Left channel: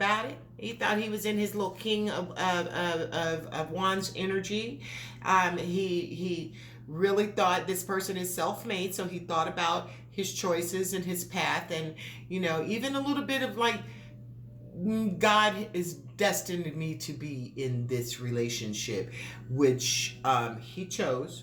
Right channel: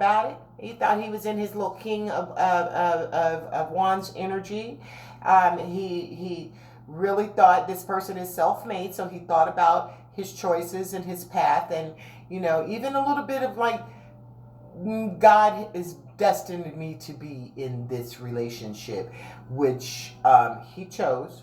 about it. He thought he was in his little king of wands energy. He really thought this person is self-made, so he thought about his choices and his path, and even a little bit of like, God is destined me to be in this relationship, which he chose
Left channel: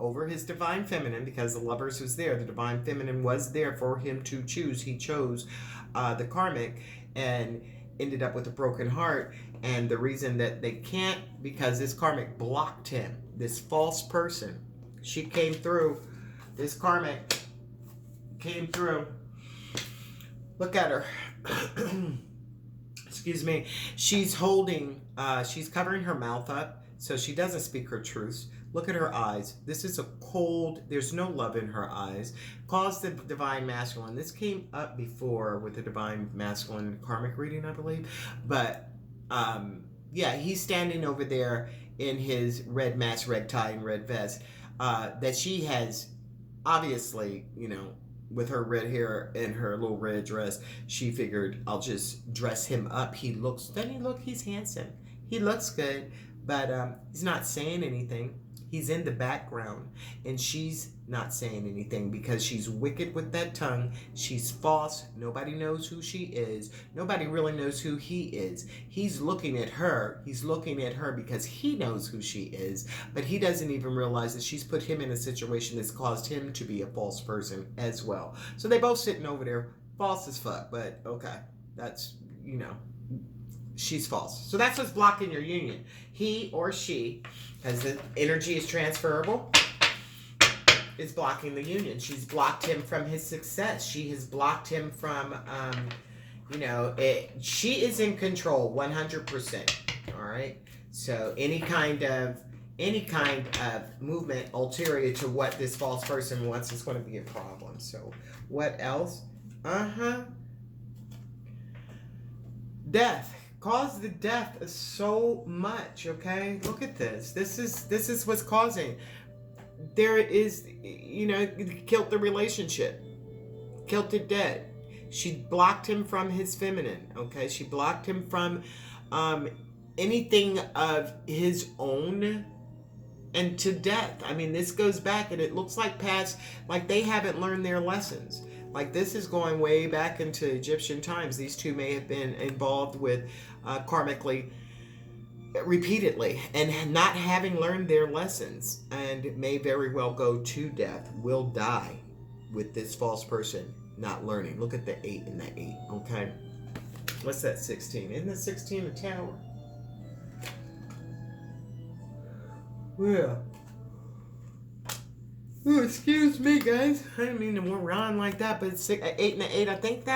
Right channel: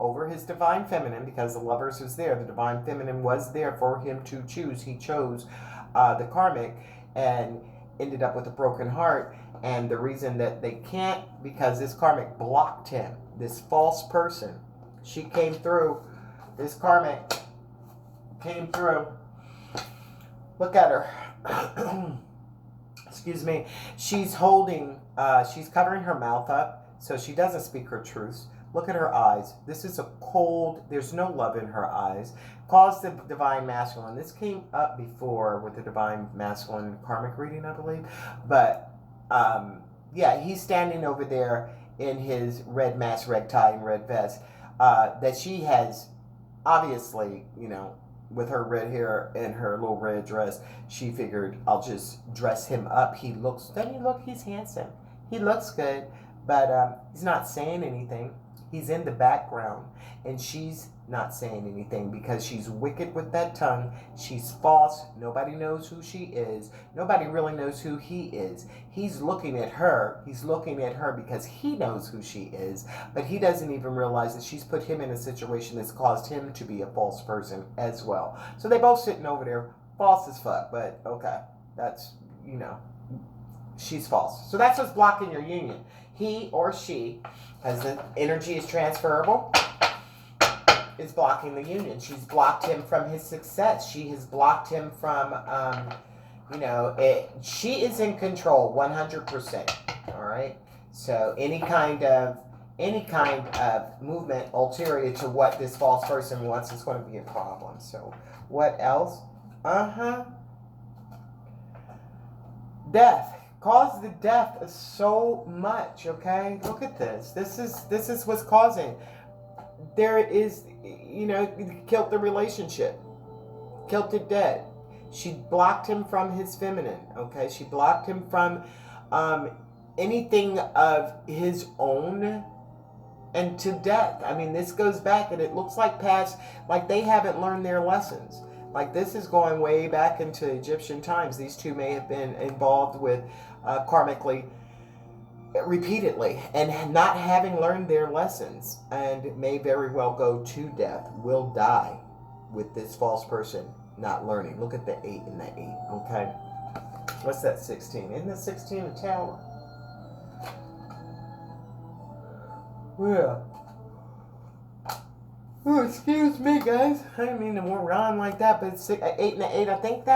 over his divine feminine, because the lovers was there. The divine feminine was there for him to choose. He chose the karmic and ended up with a broken heart. And the reason that they can't, because this karmic blocked him. This false person, she came through. This karmic came through. Look at her. Excuse me. She's holding, she's covering her mouth up so she doesn't speak her truths. Look at her eyes. This is a cold, there's no love in her eyes. Calls the divine masculine. This came up before with the divine masculine karmic reading, I believe. But yeah, he's standing over there in his red mask, red tie, and red vest. That she has, obviously, with her red hair and her little red dress, she figured, I'll just dress him up. Doesn't he look, he's handsome. He looks good, but he's not saying anything. He's in the background, and she's not saying anything because she's wicked with that tongue. She's false. Nobody knows who she is. Nobody really knows who he is. He's looking at her. He's looking at her because he knows who she is, but he doesn't even realize that she's put him in a situation that's caused him to be a false person as well. So they both sitting over there, false as fuck, but okay. That's, she's false. So that's what's blocking your union. He or she, as the energy is transferable, is blocking the union. She's blocked him from his success. She has blocked him from, she is in control 100%. All right. So any kind of movement ulterior to what this false person wants is going to be a problem. So what else? Death. Caused the death of so much. Okay, look at this. This is what's causing. There is, killed the relationship, killed it dead. She blocked him from his feminine. Okay, she blocked him from anything of his own, and to death. I mean, this goes back, and it looks like past, like they haven't learned their lessons. Like this is going way back into Egyptian times. These two may have been involved with karmically repeatedly and not having learned their lessons, and may very well go to death, will die with this false person not learning. Look at the 8 and the 8. Okay, what's that? 16. Isn't that 16 a tower? Yeah. Oh, excuse me, guys. I didn't mean to move around like that, but it's 8 and 8. I think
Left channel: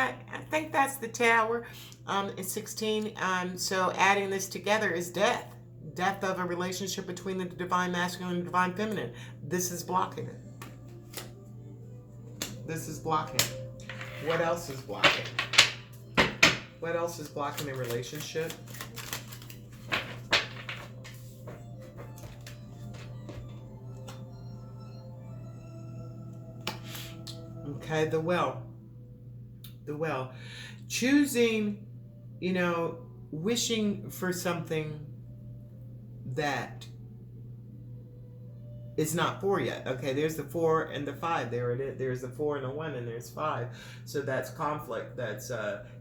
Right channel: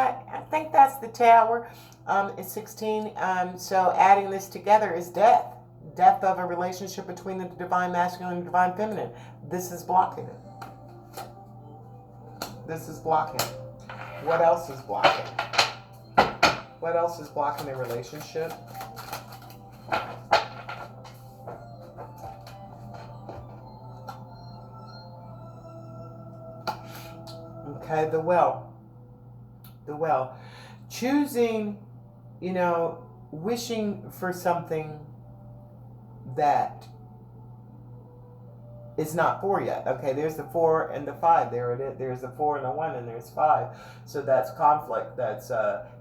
that's the tower. It's 16. So adding this together is death. Death of a relationship between the divine masculine and divine feminine. This is blocking it. This is blocking it. What else is blocking? What else is blocking a relationship? Okay, the well. Choosing, wishing for something that is not 4 yet. Okay, there's the 4 and the 5. There it is. There's the 4 and the 1, and there's 5. So that's conflict. That's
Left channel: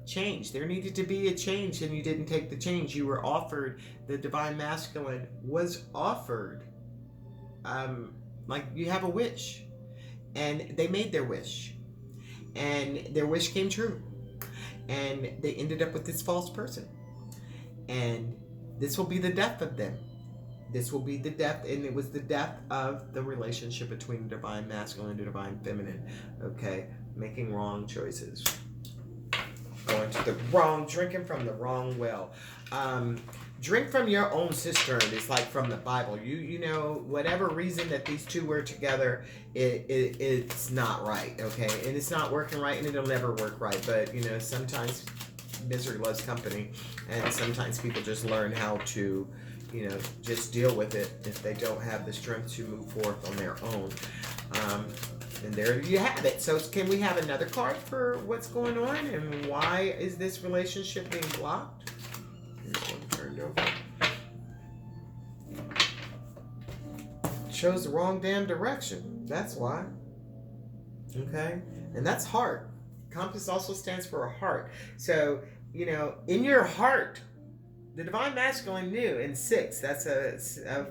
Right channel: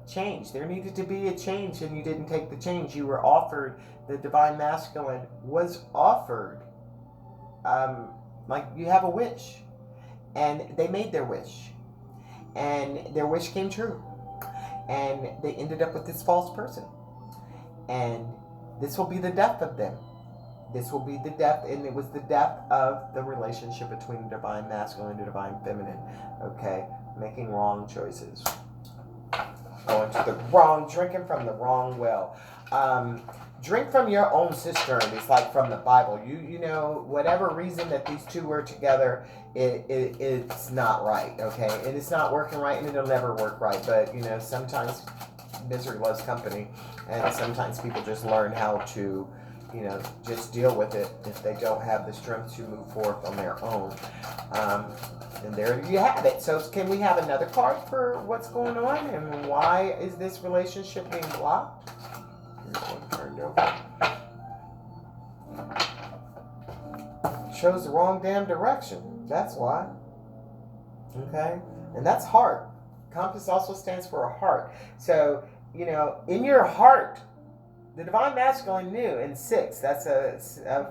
change. There needed to be a change, and you didn't take the change. You were offered, the divine masculine was offered, like you have a wish, and they made their wish, and their wish came true, and they ended up with this false person, and this will be the death of them. This will be the death, and it was the death of the relationship between the divine masculine and the divine feminine. Okay, making wrong choices, going to the wrong, drinking from the wrong well. Drink from your own cistern. It's like from the Bible. You know, whatever reason that these two were together, it's not right. Okay, and it's not working right, and it'll never work right. But sometimes misery loves company, and sometimes people just learn how to, just deal with it if they don't have the strength to move forth on their own. And there you have it. So can we have another card for what's going on and why is this relationship being blocked? Here's one turned over. Shows the wrong damn direction. That's why. Okay? And that's heart. Compass also stands for a heart. So, you know, in your heart, the Divine Masculine knew in 6, that's a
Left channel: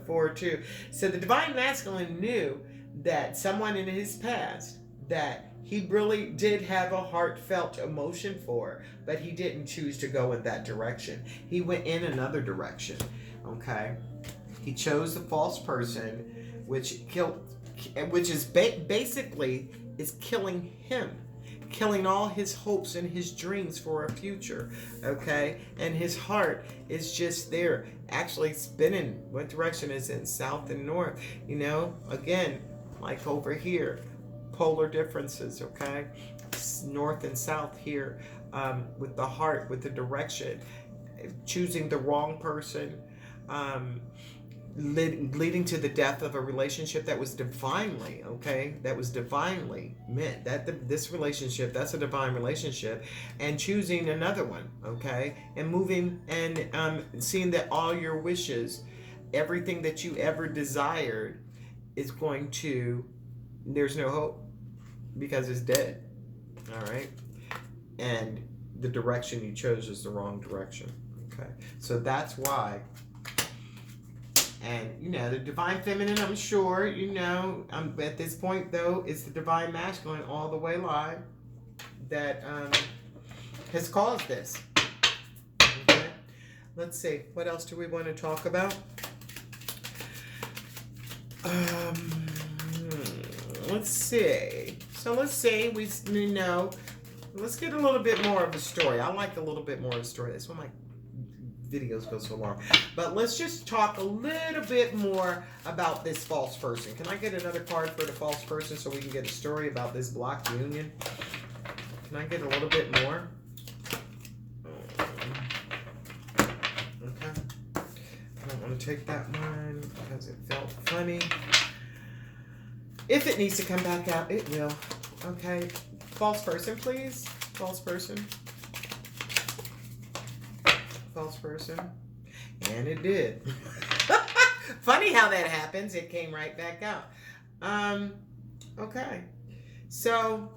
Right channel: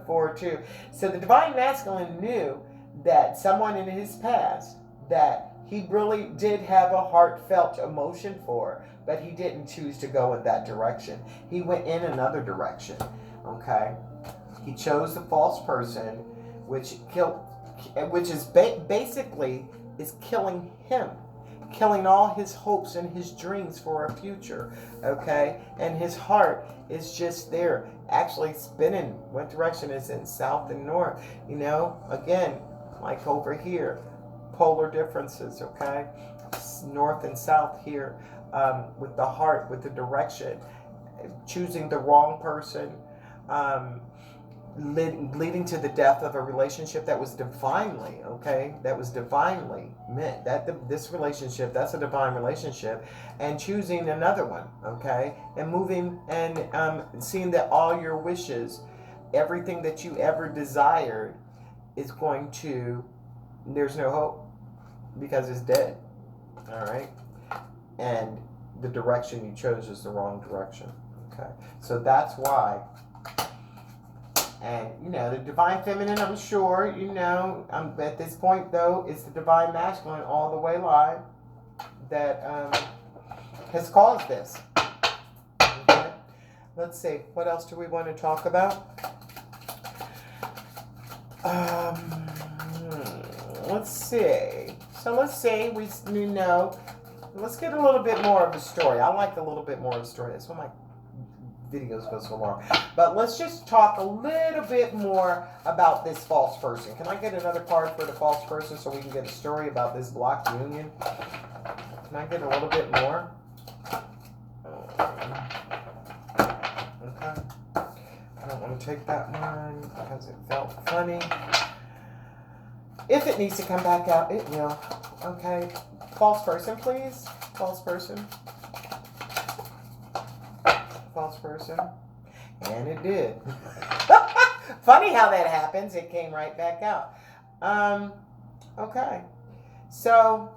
4-2. So the Divine Masculine knew that someone in his past that he really did have a heartfelt emotion for, but he didn't choose to go in that direction. He went in another direction, okay? He chose the false person, which is basically is killing him. Killing all his hopes and his dreams for a future, okay? And his heart is just there, actually spinning. What direction is it? South and north, you know? Again, like over here, polar differences, okay? North and south here, with the heart, with the direction. Choosing the wrong person, leading to the death of a relationship that was divinely, okay, that was divinely meant. That this relationship, that's a divine relationship, and choosing another one, okay, and moving and seeing that all your wishes, everything that you ever desired, is going to, there's no hope because it's dead. All right, and the direction you chose is the wrong direction. Okay, so that's why. And, you know, the Divine Feminine, I'm sure, you know, at this point, though, it's the Divine Masculine all the way live that has caused this. Okay? Let's see. What else do we want to talk about? Let's see. So let's say you know, let's get a little bit more of the story. I like a little bit more of the story. That's why my videos go so long. But let's just talk a little bit more about this false person. Can I get another card for the false person so we can get a story about this blocked union? Can I get a little bit more? Okay. I don't want to take that one because it felt funny. If it needs to come back out, it will. Okay. False person, please. False person. False person. And it did. Funny how that happens. It came right back out. Okay. So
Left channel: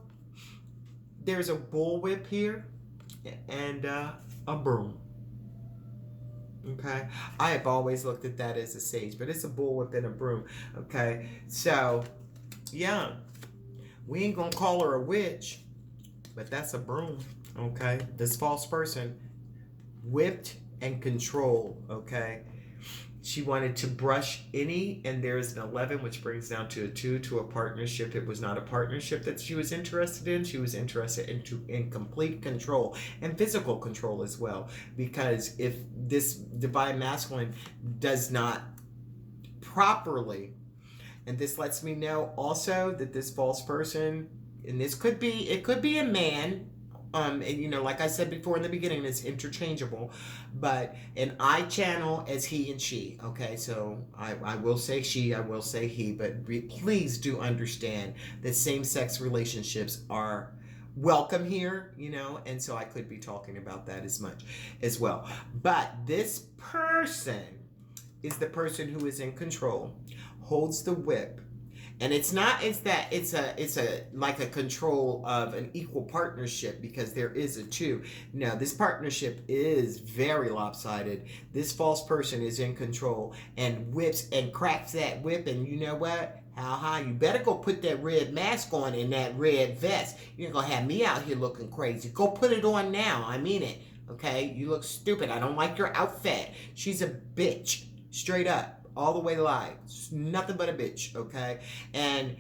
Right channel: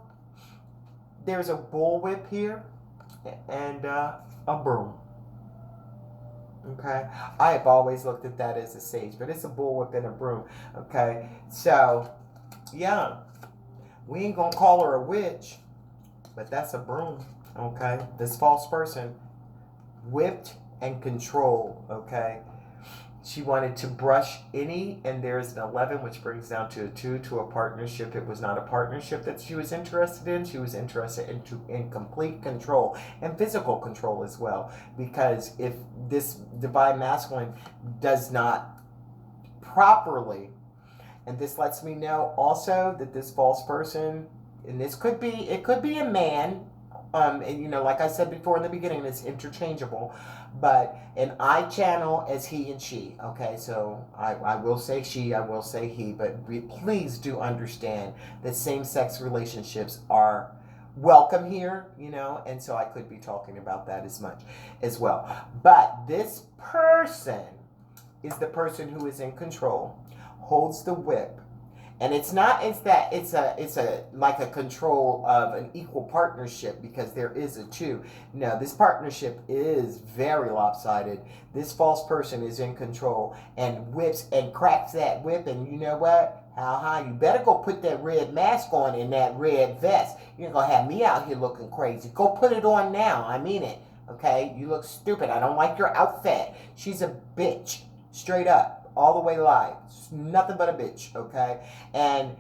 there's a bullwhip here and a broom. Okay. I have always looked at that as a sage, but it's a bullwhip and a broom. Okay. So, yeah. We ain't gonna call her a witch, but that's a broom. Okay. This false person whipped and controlled, okay? She wanted to brush any, and there's an 11, which brings down to a 2, to a partnership. It was not a partnership that she was interested in. She was interested in complete control and physical control as well. Because if this Divine Masculine does not properly, and this lets me know also that this false person, and it could be a man, and you know, like I said before in the beginning, it's interchangeable, but an I channel as he and she. Okay, so I will say she, I will say he, but please do understand that same-sex relationships are welcome here, you know, and so I could be talking about that as much as well. But this person is the person who is in control, holds the whip. And it's a like a control of an equal partnership, because there is a 2. No, this partnership is very lopsided. This false person is in control and whips and cracks that whip, and you know what? How high? You better go put that red mask on and that red vest. You're gonna have me out here looking crazy. Go put it on now. I mean it. Okay? You look stupid. I don't like your outfit. She's a bitch. Straight up. All the way live. Nothing but a bitch, okay? And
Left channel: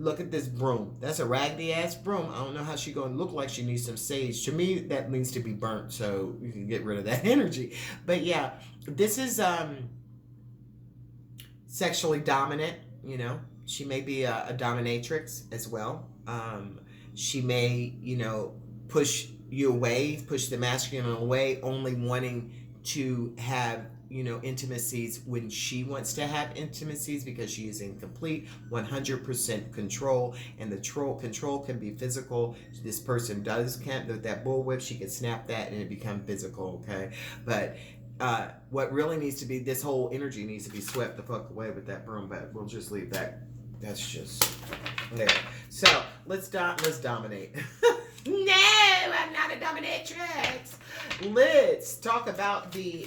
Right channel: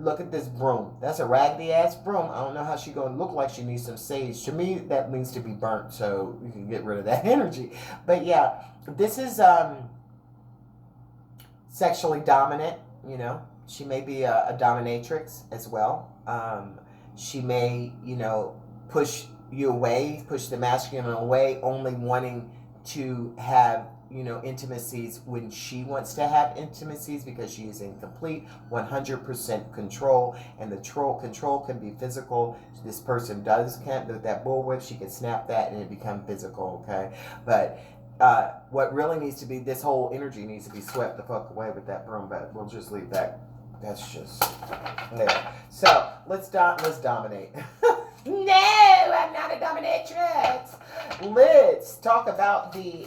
look at this broom. That's a raggedy ass broom. I don't know how she gonna look like she needs some sage. To me, that needs to be burnt so you can get rid of that energy. But yeah, this is sexually dominant, you know. She may be a dominatrix as well. She may, you know, push you away, push the masculine away, only wanting to have, you know, intimacies when she wants to have intimacies, because she is in complete 100% control. And the control can be physical. This person can't, with that bullwhip, she can snap that and it become physical, okay? But what really needs to be, this whole energy needs to be swept the fuck away with that broom, but we'll just leave that. That's just there. So let's dominate. No, I'm not a dominatrix. Let's talk about the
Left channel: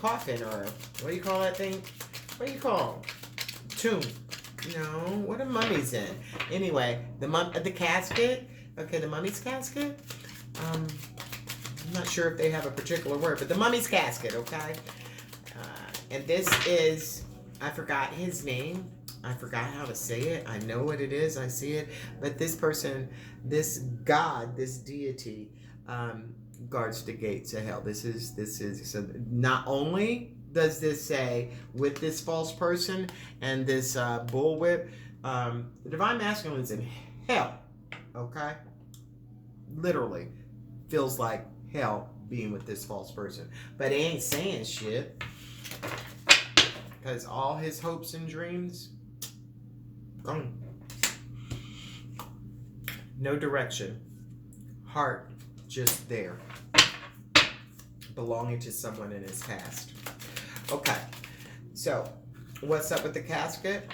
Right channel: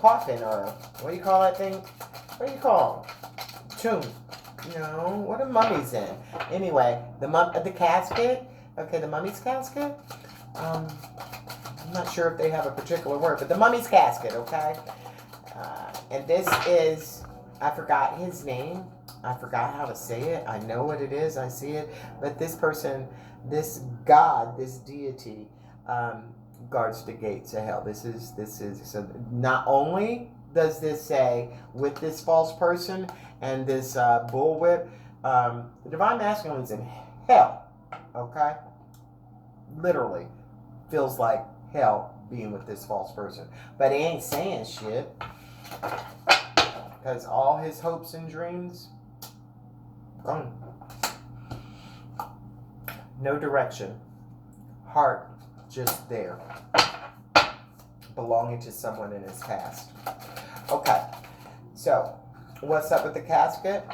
coffin, or what do you call that thing? What do you call it? Tomb. No, what are mummies in? Anyway, the casket. Okay, the mummy's casket. I'm not sure if they have a particular word, but the mummy's casket. Okay, and this is, I forgot his name. I forgot how to say it. I know what it is. I see it. But this person, this God, this deity, guards the gates of hell. This is. So not only does this say with this false person and this bullwhip, the divine masculine is in hell. Okay, literally feels like hell being with this false person, but he ain't saying shit, because all his hopes and dreams, gone. No direction. Heart just there. Belonging to someone in his past. Okay. So, what's up with the casket?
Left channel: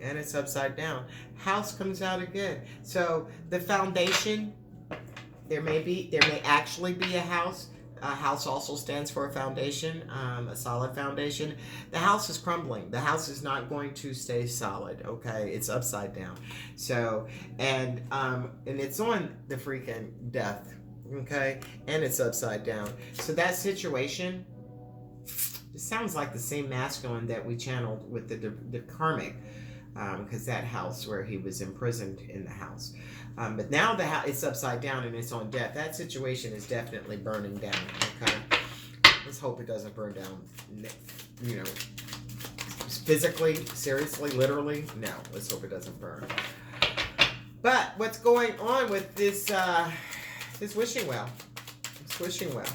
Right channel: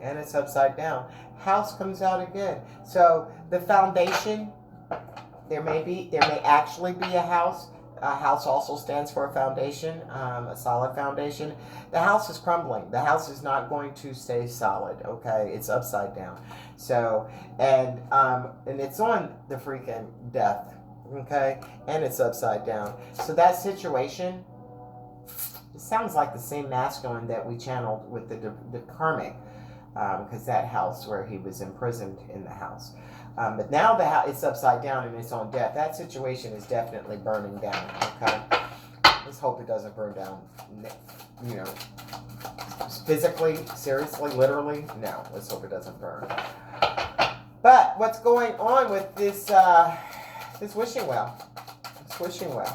And it's upside down. House comes out again. So, the foundation, there may actually be a house. A house also stands for a foundation, a solid foundation. The house is crumbling. The house is not going to stay solid, okay? It's upside down. So, and it's on the freaking death, okay? And it's upside down. So that situation, it sounds like the same masculine that we channeled with the karmic, because that house where he was imprisoned in the house. But now it's upside down and it's on death. That situation is definitely burning down. Okay, let's hope it doesn't burn down. You know, physically, seriously, literally. No, let's hope it doesn't burn. But what's going on with this wishing well? This wishing well.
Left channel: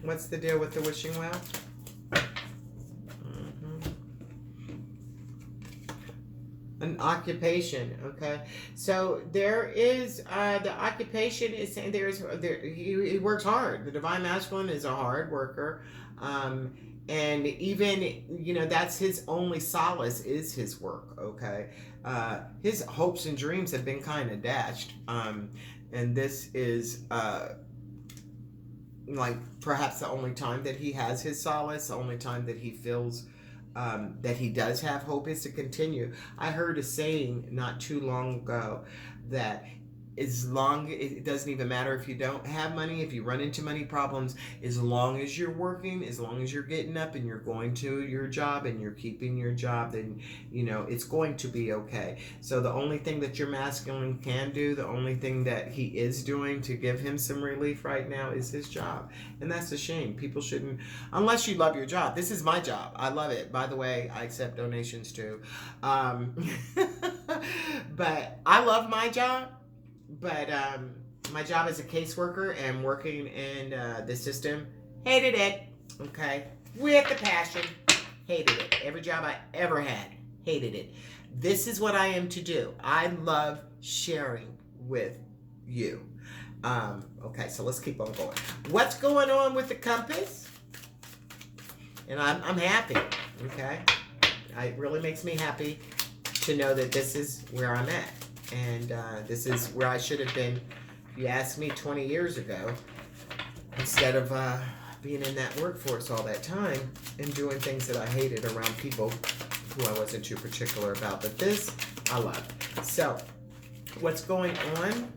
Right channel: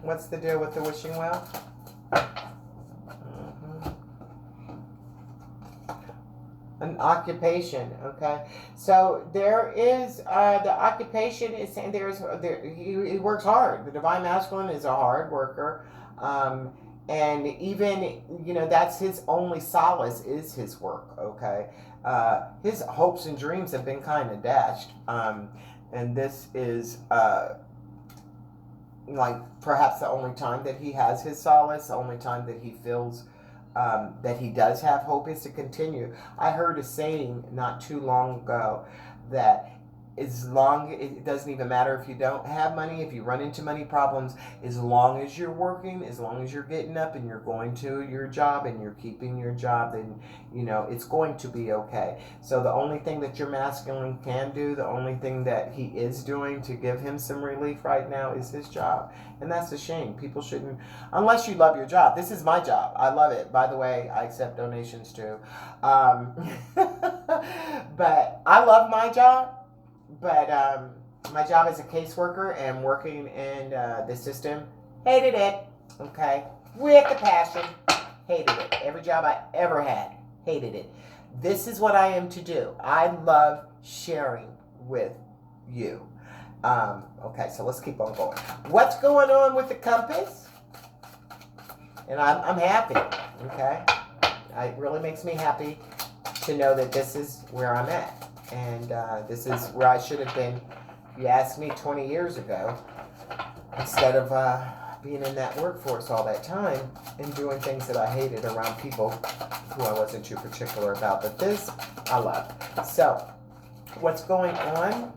What's the deal with the wishing well? An occupation, okay. So there is the occupation is saying he works hard. The divine masculine is a hard worker, and even, you know, that's his only solace is his work. Okay, his hopes and dreams have been kind of dashed, and this is like perhaps the only time that he has his solace, the only time that he feels that he does have hope is to continue. I heard a saying not too long ago that it doesn't even matter if you don't have money, if you run into money problems, as long as you're working, as long as you're getting up and you're going to your job and you're keeping your job, then, you know, it's going to be okay. So the only thing that your masculine can do, the only thing that he is doing to give him some relief right now is his job. And that's a shame. People shouldn't, unless you love your job. This is my job. I love it. By the way, I accept donations too. But I love my job. But my job as a caseworker and working in the system, hated it, okay? With a passion, hated it. Every job I ever had, hated it. This is what I am to do. I love sharing with you. Okay, so let's keep on going. What's going on with the compass? And I'm happy, okay? It really makes me happy to know that this is where I'm at. And this is where I should have been, if you asked me 20 years ago, instead of being in that workforce all that time and doing things that I hated around people who I wasn't too particular about. But this, I love. So, what's going on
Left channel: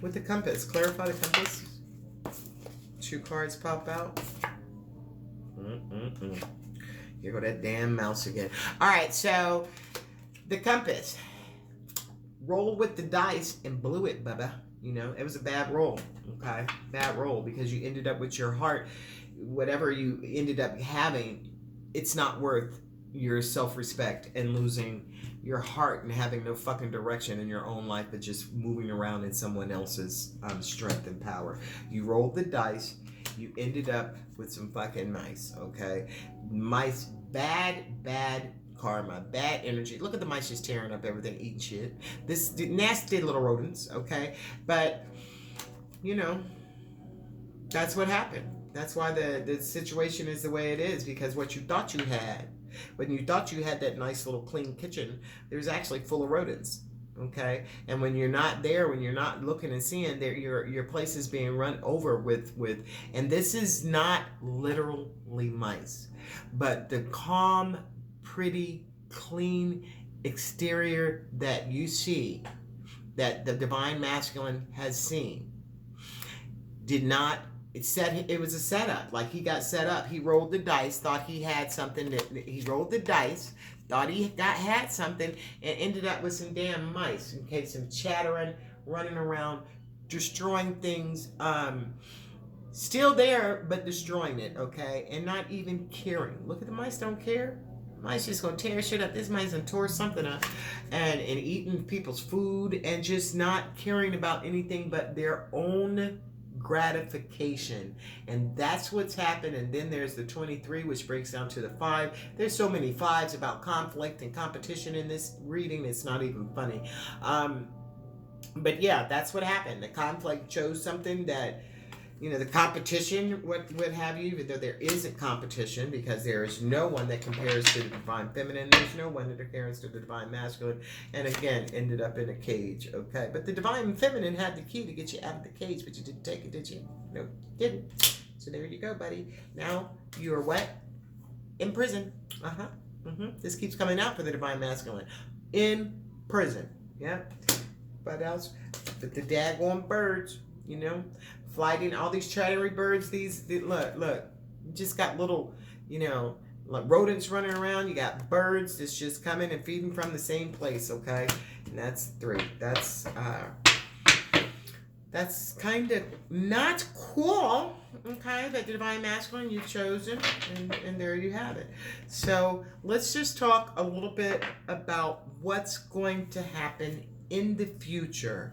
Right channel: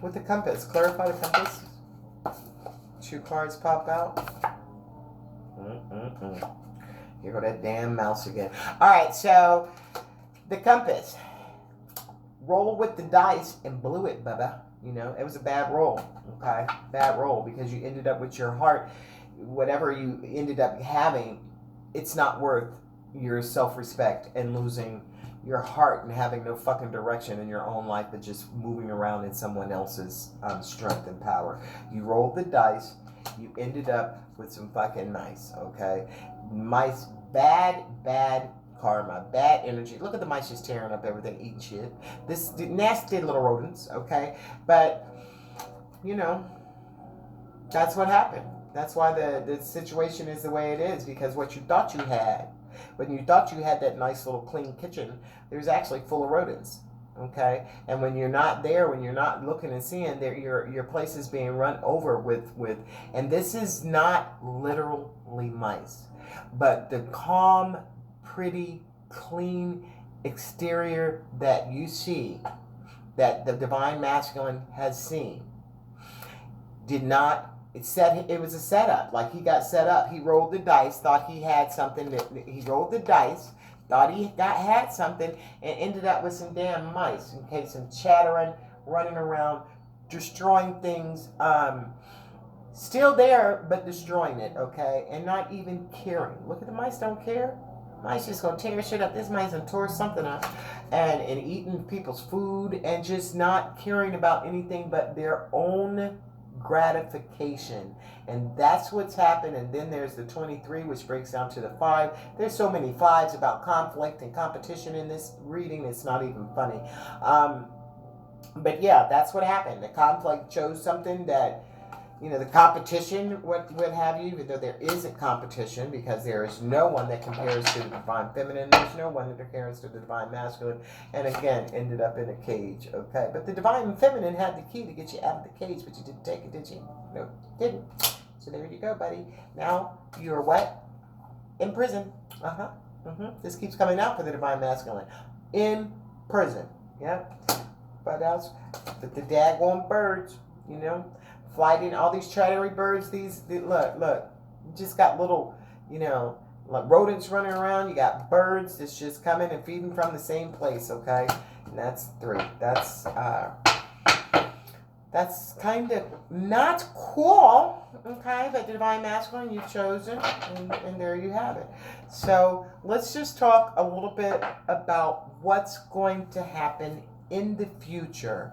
with the compass? Clarify the compass. 2 cards pop out. Here go that damn mouse again. All right, so the compass. Roll with the dice and blew it, bubba. You know, it was a bad roll, okay? Bad roll, because you ended up with your heart, whatever you ended up having, it's not worth your self-respect and losing your heart and having no fucking direction in your own life, but just moving around in someone else's strength and power. You rolled the dice. You ended up with some fucking mice, okay? Mice, bad karma, bad energy. Look at the mice just tearing up everything, eating shit. This nasty little rodents, okay? But, you know, that's what happened. That's why the situation is the way it is, because what you thought you had, when you thought you had that nice little clean kitchen, there's actually full of rodents. Okay, and when you're not there, when you're not looking and seeing, there your place is being run over with, and this is not literally mice, but the calm, pretty, clean exterior that you see, that the divine masculine has seen, did not. It was a setup. Like, he got set up. He rolled the dice, thought he had something. He rolled the dice, thought he had something, and ended up with some damn mice. Okay, some chattering, running around, destroying things. Still there, but destroying it. Okay, and not even caring. Look at the mice. Don't care. Mice just gonna tear shit up. This mice done tore something up, and eating people's food, and just not caring about anything but their own gratification. And that's what's happened. And then there's the 23, which breaks down to the 5. There's so many 5s about conflict and competition in this reading, it's not even funny. But yeah, that's what happened. The conflict chose something that, you know, the competition, what have you, even though there isn't competition, because there is no one that compares to the divine feminine, there's no one that compares to the divine masculine, and again, ended up in a cage, okay? But the divine feminine had the key to get you out of the cage, but you didn't take it, did you? No, you didn't. So there you go, buddy. Now, you're what? In prison. This keeps coming out for the divine masculine. In prison, yeah? But else, but the daggone birds, you know? Flighting all these chattery birds, look, you just got little, you know, like rodents running around. You got birds that's just coming and feeding from the same place, okay? And that's 3. That's kind of not cool, okay? That the divine masculine you've chosen, and there you have it. So let's just talk a little bit about what's going to happen in the future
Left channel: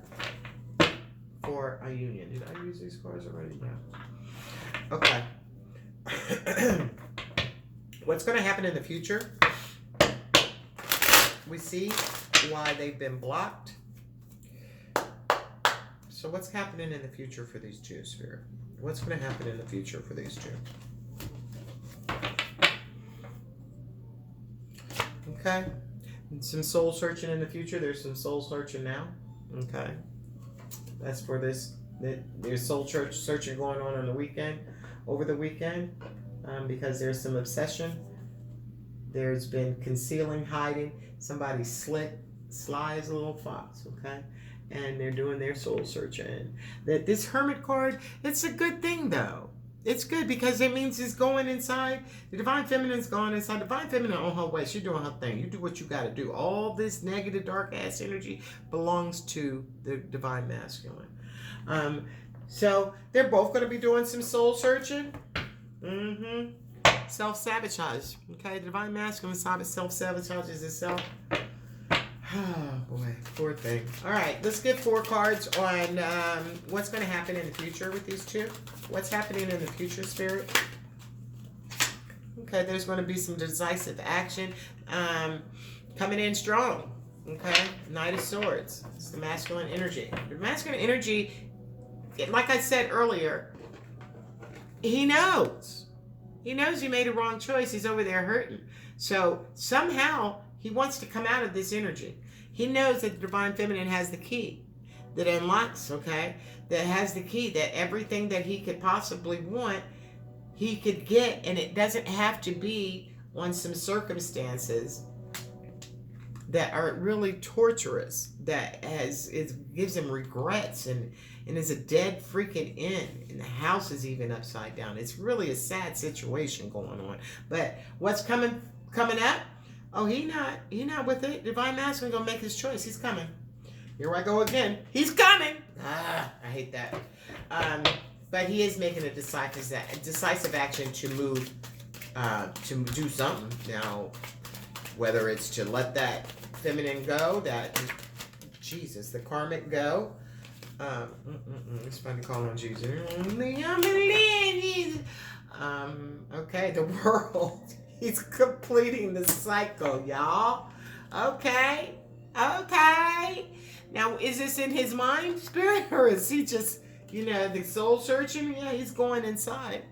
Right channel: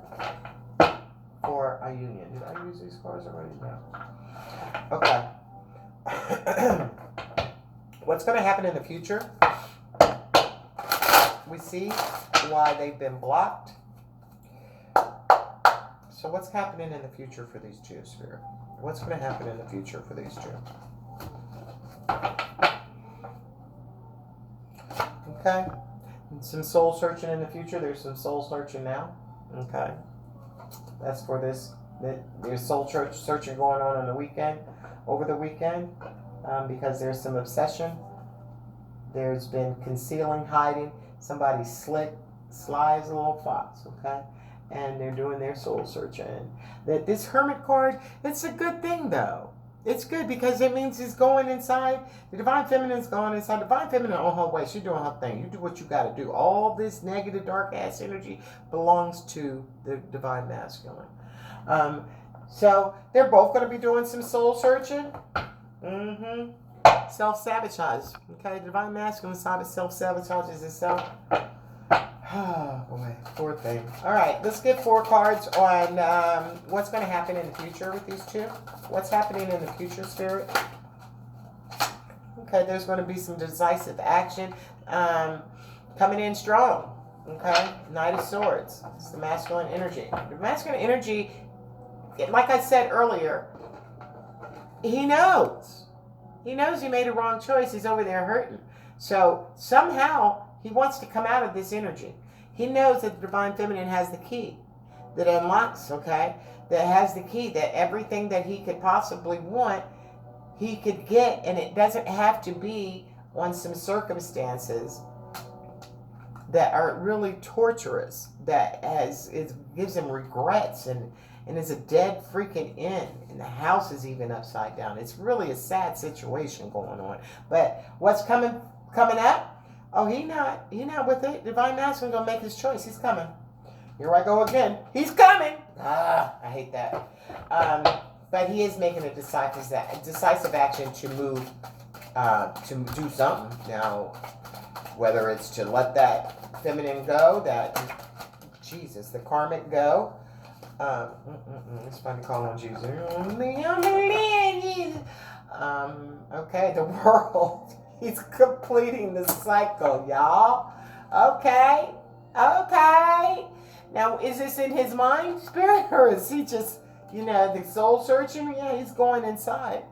for a union. Did I use these cards already? No. Okay. What's going to happen in the future? We see why they've been blocked. So what's happening in the future for these two, Spirit? What's going to happen in the future for these two? Okay. Some soul searching in the future. There's some soul searching now. Okay. That's for this. There's soul searching going on the weekend, over the weekend, because there's some obsession. There's been concealing, hiding. Somebody slides a little fox, okay? And they're doing their soul searching. That this Hermit card, it's a good thing though. It's good because it means it's going inside. The divine feminine's going inside. The divine feminine on her way. She's doing her thing. You do what you got to do. All this negative, dark ass energy belongs to the divine masculine. So they're both going to be doing some soul searching. Self-sabotage. Okay, the divine masculine self-sabotages itself. Oh boy, poor thing. All right, let's get 4 cards on what's going to happen in the future with these two. What's happening in the future, Spirit? Okay, there's going to be some decisive action coming in strong. Okay, Knight of Swords. It's the masculine energy. The masculine energy, like I said earlier, he knows. He knows he made a wrong choice. He's over there hurting. So somehow he wants to come out of this energy. He knows that the divine feminine has the key that unlocks, okay? That has the key that everything that he could possibly want, he could get. And it doesn't have to be on some circumstances that are really torturous, that gives him regrets and is a dead freaking end. And the house is even upside down. It's really a sad situation going on. But what's coming up? Oh, he not with it. Divine masculine gonna make his choice. He's coming. Here I go again. He's coming. I hate that. But he is making a decisive action to move, to do something. Now, whether it's to let that feminine go, that Jesus, the karmic go. It's fun to call on Jesus. Okay, the world. He's completing the cycle, y'all. Okay. Now, is this in his mind, spirit, or is he just, the soul searching? Yeah, he's going inside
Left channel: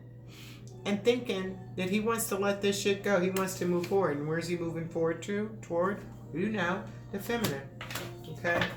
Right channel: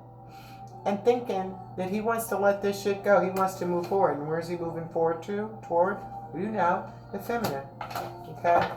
and thinking that he wants to let this shit go. He wants to move forward. And where's he moving forward to? Toward, the feminine. Okay?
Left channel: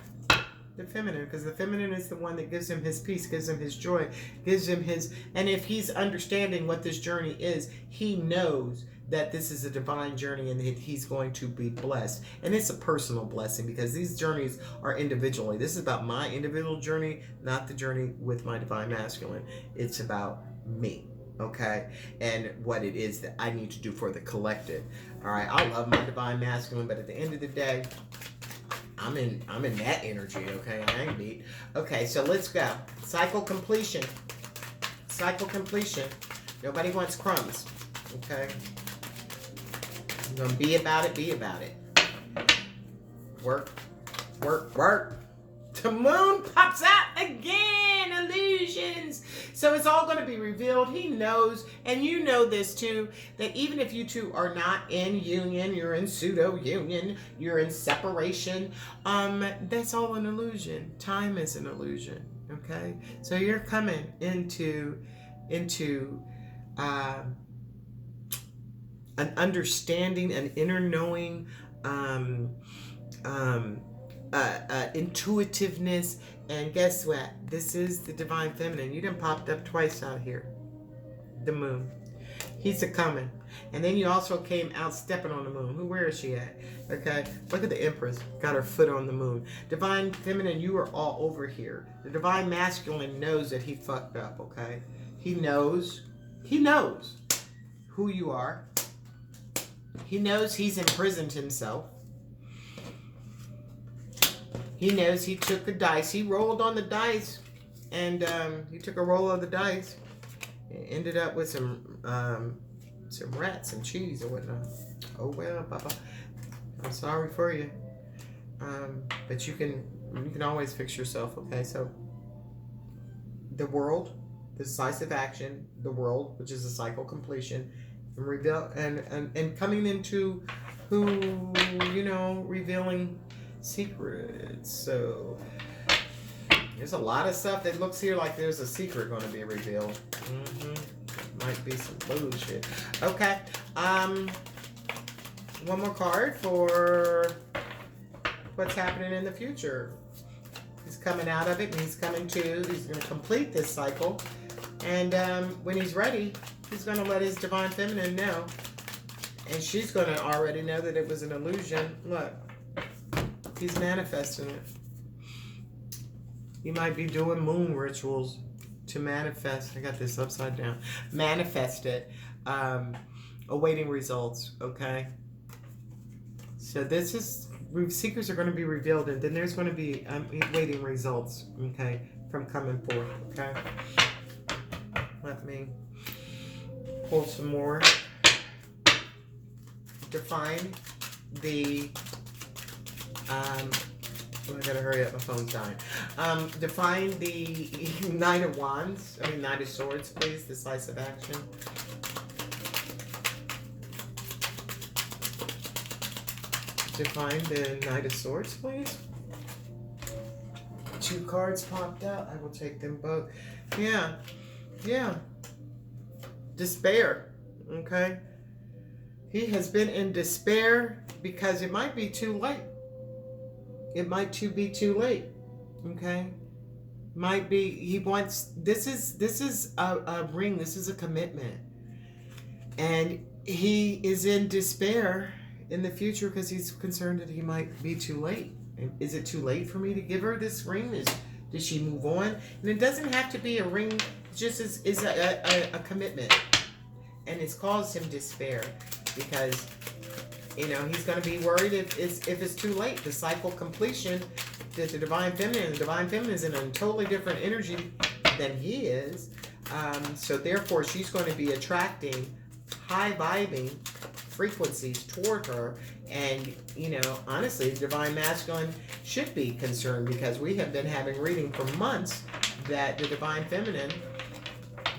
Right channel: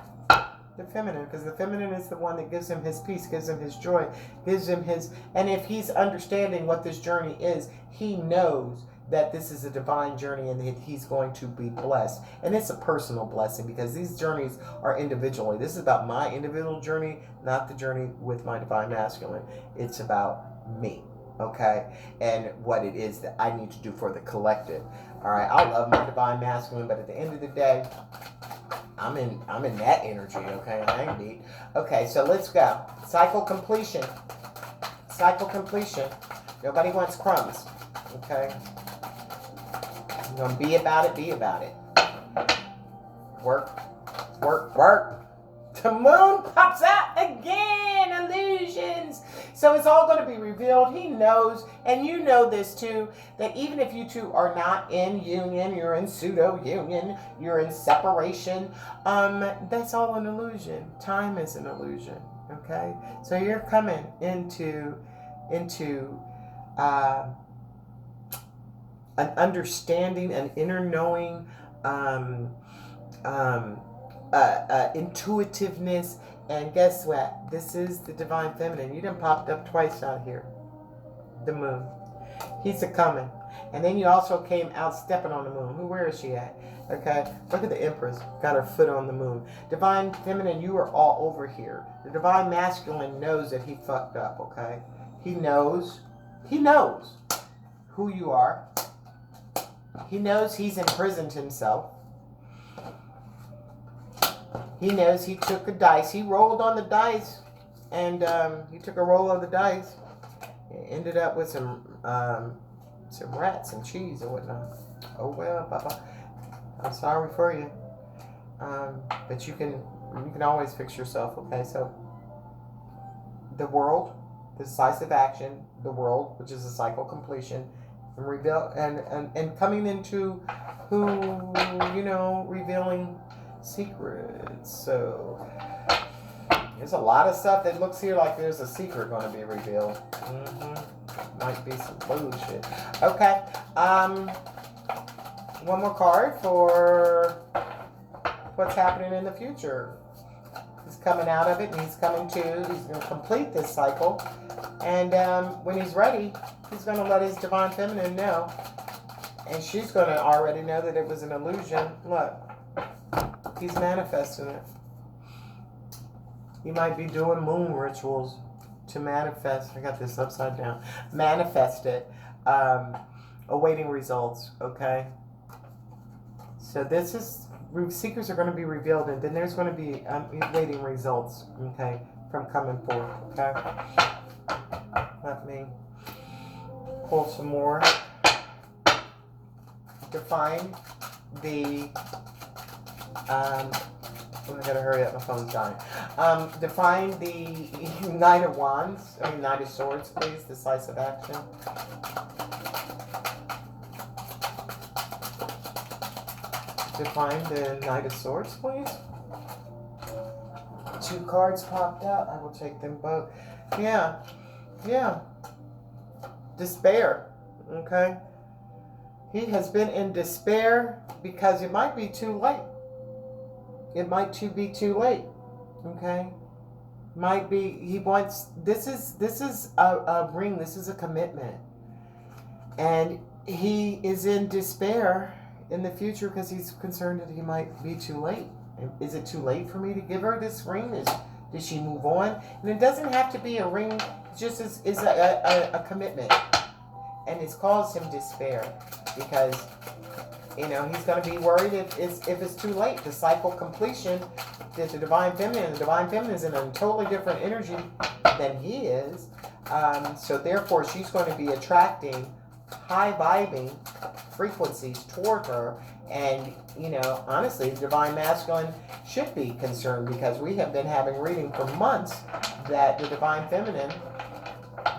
The feminine, because the feminine is the one that gives him his peace, gives him his joy, gives him his, and if he's understanding what this journey is, he knows that this is a divine journey and that he's going to be blessed. And it's a personal blessing because these journeys are individually. This is about my individual journey, not the journey with my divine masculine. It's about me, okay? And what it is that I need to do for the collective. All right, I love my divine masculine, but at the end of the day, I'm in that energy, okay? I ain't beat. Okay, so let's go. Cycle completion. Nobody wants crumbs, okay? You're gonna be about it. Work. The moon pops out again. Illusions. So it's all going to be revealed. He knows, and you know this too, that even if you two are not in union, you're in pseudo union, you're in separation, that's all an illusion. Time is an illusion. Okay, so you're coming into an understanding, an inner knowing, intuitiveness, and guess what? This is the divine feminine. You done popped up twice out here. The moon. He's a coming. And then you also came out stepping on the moon. Where is she at? Okay, look at the Empress. Got her foot on the moon. Divine feminine, you are all over here. The divine masculine knows that he fucked up, okay? He knows who you are. He knows he's imprisoned himself. He knows he took a dice. He rolled on the dice, and he took a roll of the dice. It ended up with some rats and cheese or whatnot. Oh well, Papa. I'm sorry for you. But you can always fix yourself. Okay, so the world, the decisive action, the world, which is a cycle completion, and reveal and coming into who revealing secrets. So there's a lot of stuff that looks here like there's a secret going to be revealed. Might be some bullshit. Okay. One more card for what's happening in the future. He's coming out of it, and he's going to complete this cycle. And when he's ready, he's going to let his divine feminine know. And she's going to already know that it was an illusion. Look. He's manifesting it. He might be doing moon rituals to manifest. I got this upside down. Manifest it. Awaiting results. Okay. So this is secrets are going to be revealed, and then there's going to be awaiting results. Okay, from coming forth. Okay. Let me pull some more. Define the. I gotta hurry up, my phone's dying. Define the Knight of Wands, Knight of Swords, please. Decisive action. Define the Knight of Swords, please. 2 cards popped out. I will take them both. Yeah. Despair. Okay. He has been in despair because it might be too late. It might be too late. Okay. Might be he wants this is a ring, this is a commitment. And he is in despair in the future because he's concerned that he might be too late. Is it too late for me to give her this ring? Did she move on? And it doesn't have to be a ring, it just is a commitment. And it's caused him despair because he's going to be worried if it's too late. The cycle completion, that the divine feminine is in a totally different energy than he is. So therefore, she's going to be attracting high vibing frequencies toward her. And, you know, honestly, the divine masculine should be concerned, because we have been having reading for months that the divine feminine,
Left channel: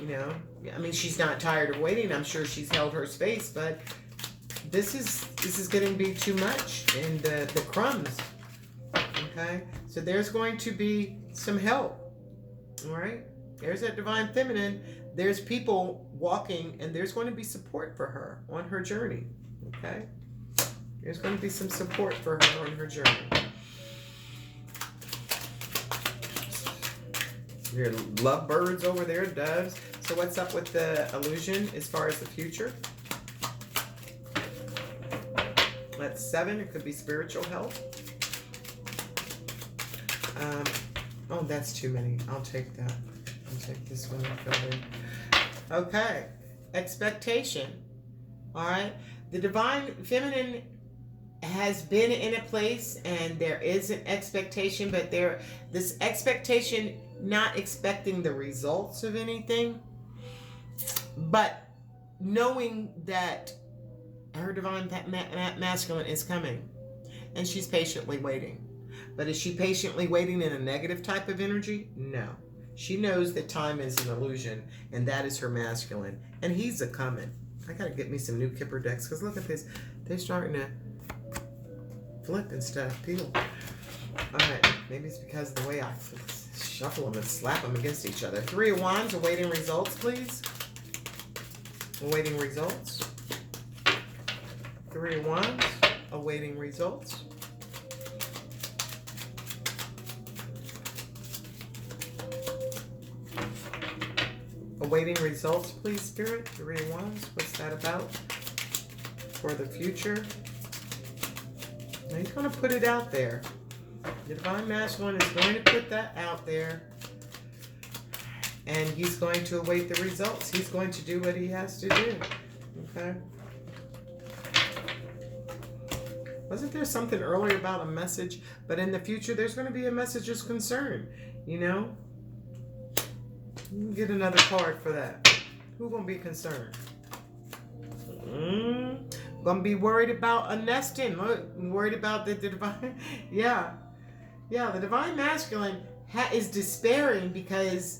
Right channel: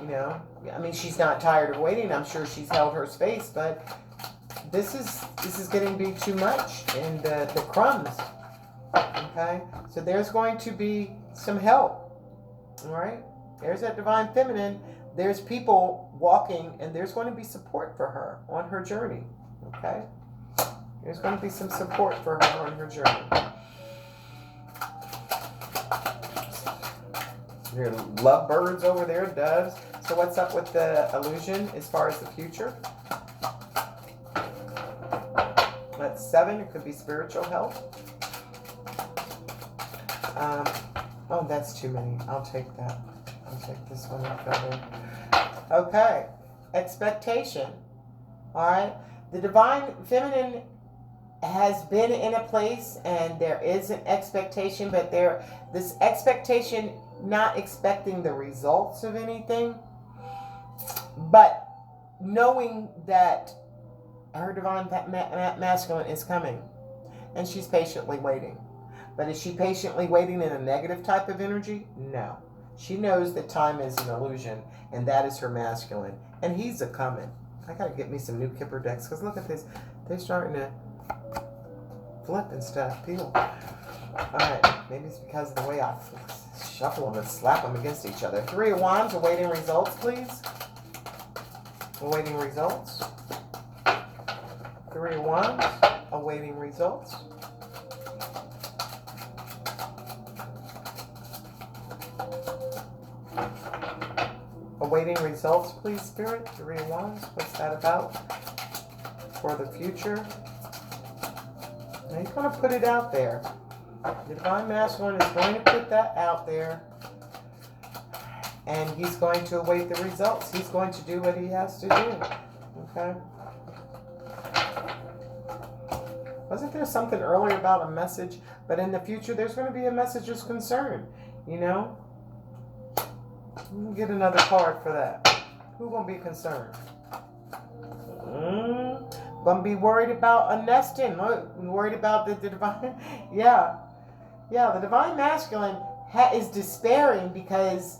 you know, I mean, she's not tired of waiting. I'm sure she's held her space, but this is getting to be too much. And the crumbs, okay? So there's going to be some help, all right? There's that divine feminine. There's people walking, and there's going to be support for her on her journey, okay? There's going to be some support for her on her journey. There are lovebirds over there, doves. So what's up with the illusion as far as the future? That's 7. It could be spiritual health. Oh, that's too many. I'll take that. I'll take this one further. Okay. Expectation. All right. The divine feminine has been in a place, and there is an expectation, but this expectation, not expecting the results of anything, but knowing that her divine masculine is coming, and she's patiently waiting. But is she patiently waiting in a negative type of energy? No. She knows that time is an illusion, and that is her masculine, and he's a coming. I gotta get me some new Kipper decks, because look at this. They're starting to flip and stuff, peel. Alright, maybe it's because of the way I shuffle them and slap them against each other. 3 of Wands, awaiting results, please. Awaiting results. 3 of Wands, awaiting results. Awaiting results, please, Spirit. 3 of Wands, what's that about? For the future. Now he's going to put it out there. The divine masculine is going to put that out there. And he's going to await the results. He's going to do what he has to do. Okay? Wasn't there something earlier about a message? But in the future, there's going to be a message of concern. You know? Get another card for that. Who's going to be concerned? Going to be worried about a nesting. Worried about the divine. Yeah. Yeah, the divine masculine is despairing because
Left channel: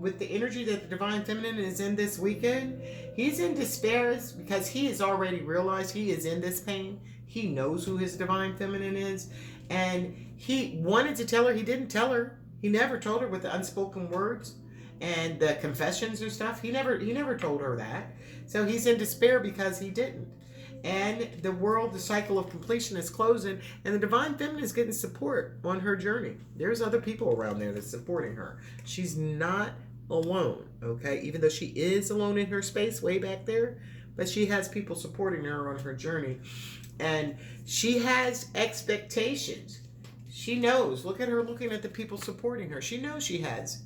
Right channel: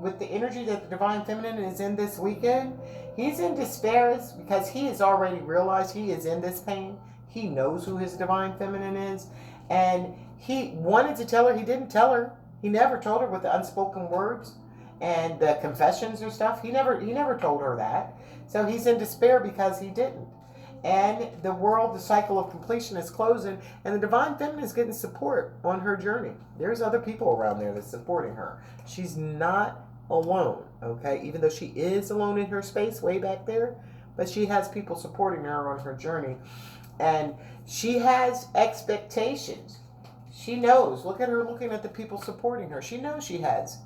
with the energy that the divine feminine is in this weekend, he's in despair because he has already realized he is in this pain. He knows who his divine feminine is. And he wanted to tell her. He didn't tell her. He never told her with the unspoken words and the confessions and stuff. He never told her that. So he's in despair because he didn't. And the world, the cycle of completion is closing, and the divine feminine is getting support on her journey. There's other people around there that's supporting her. She's not alone, okay? Even though she is alone in her space way back there, but she has people supporting her on her journey. And she has expectations. She knows. Look at her looking at the people supporting her. She knows she has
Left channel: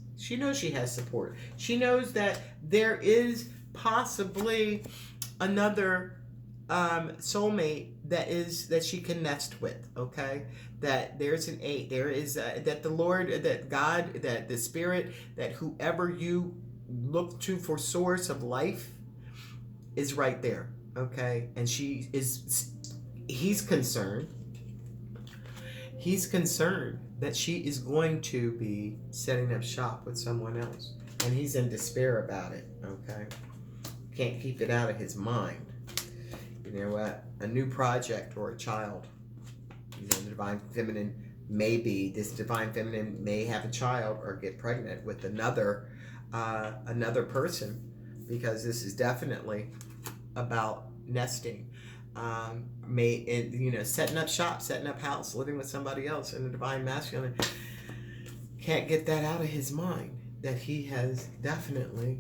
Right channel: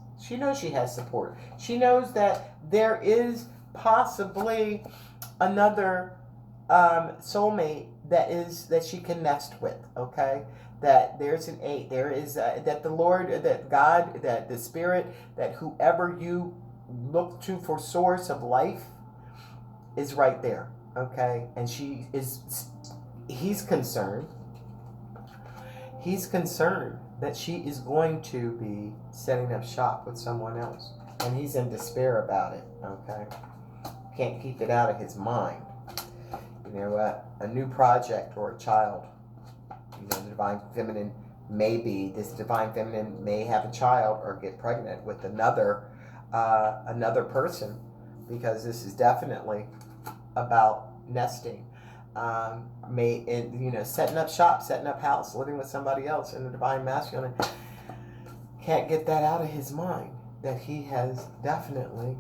support. She knows that there is possibly another soulmate that she can nest with, okay? That there's an 8. There is that the Lord, that God, that the Spirit, that whoever you look to for source of life is right there, okay? And he's concerned that she is going to be setting up shop with someone else, and he's in despair about it, okay? Can't keep it out of his mind. You know what? A new project or a child. You know, the divine feminine this divine feminine may have a child or get pregnant with another person, because this is definitely about nesting. Setting up shop, setting up house, living with somebody else, and the divine masculine can't get that out of his mind, that he has definitely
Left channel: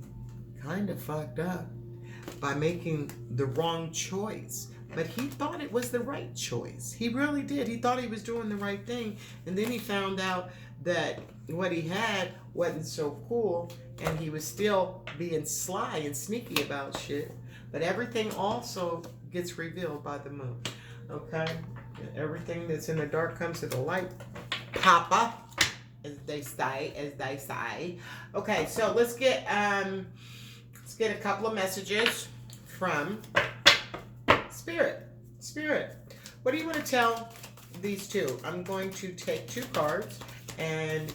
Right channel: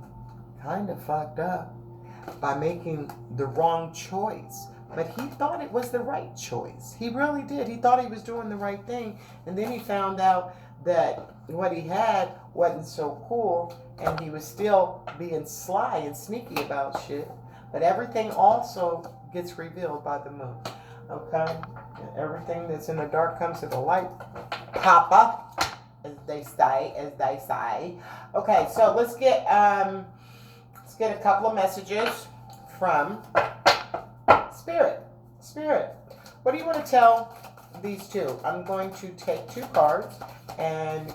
kind of fucked up by making the wrong choice. But he thought it was the right choice. He really did. He thought he was doing the right thing. And then he found out that what he had wasn't so cool, and he was still being sly and sneaky about shit. But everything also gets revealed by the moon. Okay? And everything that's in the dark comes to the light. Papa, as they say. Okay, so let's get a couple of messages from Spirit, Spirit, what do you want to tell these two? I'm going to take 2 cards and